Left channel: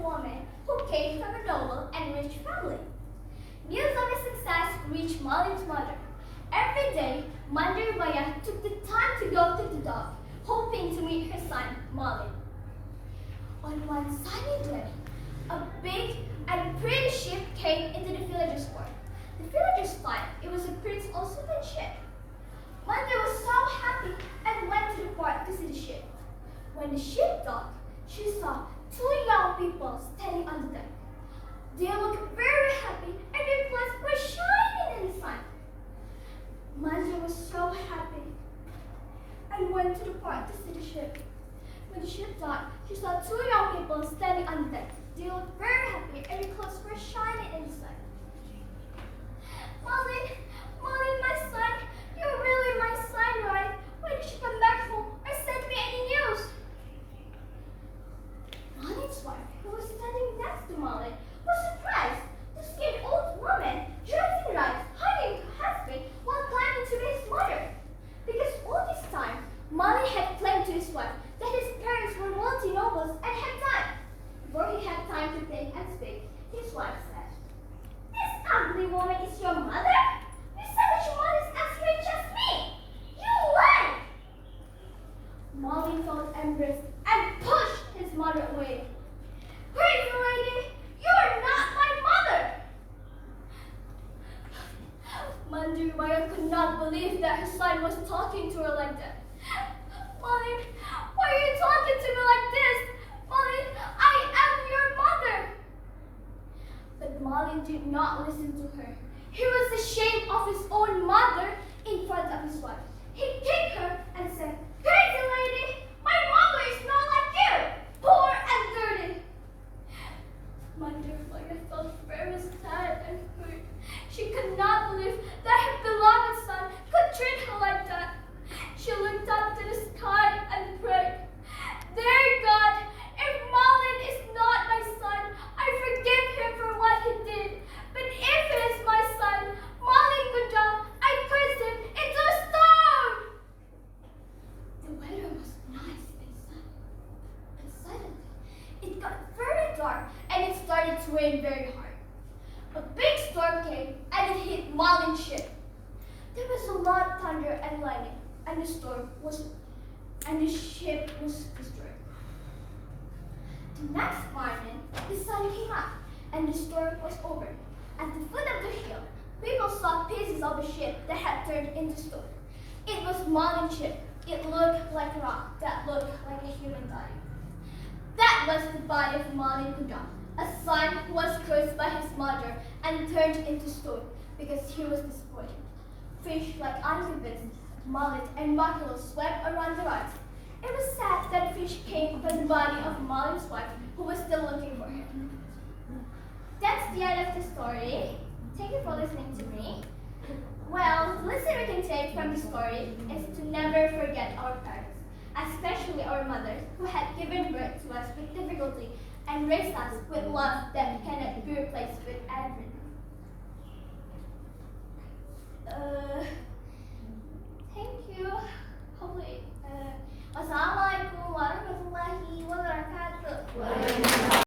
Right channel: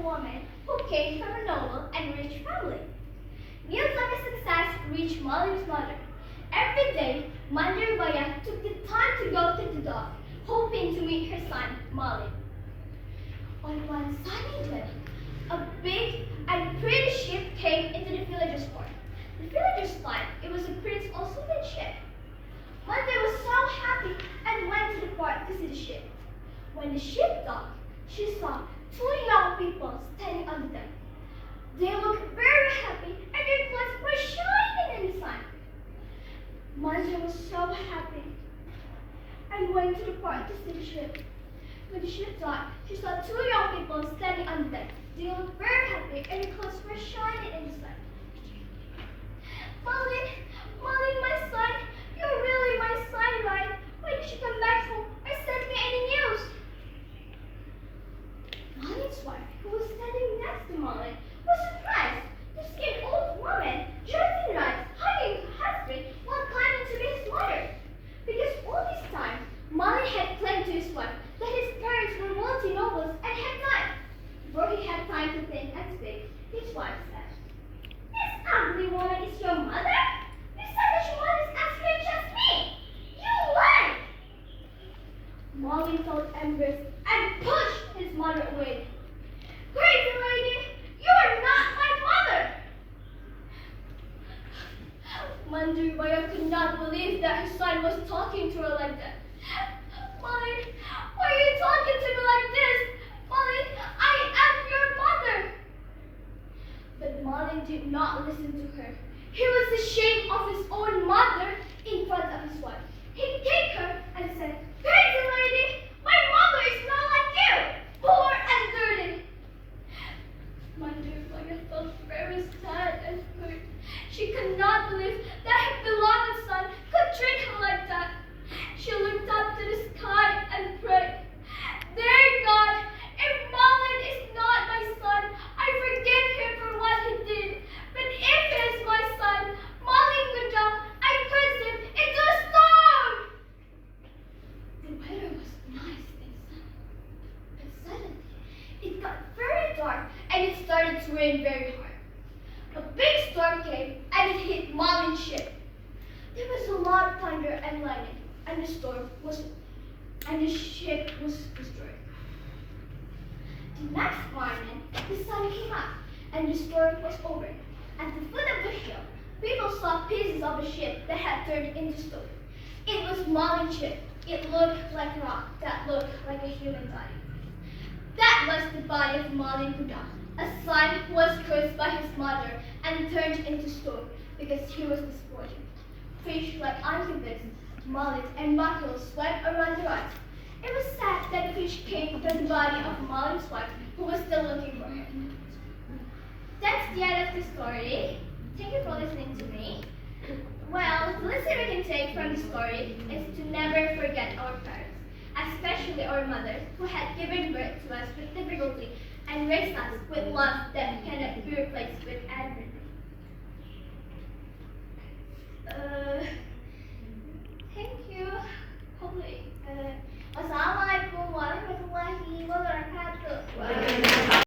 woman who came from a noble and rich family. News of his success reached Malin's mother. Every day, Mother Baya took the time to go to the dock, hoping to meet her son, Malin. On one sunny day, a big and pretty ship came into the villagers' port. The villagers thought it was a prince or sultan ship. Mother was so happy and went to the port to see the ship. When the ship docked, she saw two young people standing on the deck. They looked very happy and their clothes were shining in the sun. Mother was so happy and went to the port to see the ship. When the ship docked, she saw two young people standing on the deck. They looked very happy and their clothes were shining in the sun. Malin, Malin, my son, you're really my son, right? When did you come back home or send me any news? Malin's wife, who was standing next to Malin, was surprised to see an old woman dressed in rags hugging her husband while climbing to his mother. Because all this time, Malin had claimed to his wife that his parents were wealthy nobles and had died. Before he had time to think and speak, his wife said, "This ugly woman is your mother? You said that your mother is as rich as me! You lied!" Malin felt embarrassed and pushed his mother away. "Crazy lady, you are not my mother!" Mandir Baya could not believe that her son was talking to her like that. "Malin, why are you talking to me like this? Malin, I am your mother!" But Malin did not listen to her. He was ashamed of his own mother in front of his wife. He kicked her and said, "Crazy lady, my mother is not like you, poor and dirty." Mandir Baya felt very sad and hurt. She could not believe that her beloved son could treat her like that. She looked up to the sky and prayed, "Dear God, if Malin is not my son, I forgive him for what he did. But if he is my son, Malin kundang, I curse him into a stone." The weather was nice and sunny. But suddenly, it got very dark and it started to rain very hard. A big storm came and it hit Malin's ship. There was a lot of thunder and lightning, and the ship was destroyed. The next morning, the sun came up and the storm was over. At the foot of the hill, people saw pieces of a ship that had turned into stone. It was Malin's ship. It looked like a rock that looked like a human body. That was the body of Malin Kundang, a son who was cursed by his mother and turned into stone because he was disappointed. Fish like anchovies, mullet, and mackerel swept around the rocks. It was sad that the fish came from the body of Malin's wife, who was still looking for him. That's the end of the story. Thank you for listening to me. Well, the lesson we can take from the story is to never forget our parents, especially our mothers, who had given birth to us with difficulty and raised us with love that cannot be replaced with anything.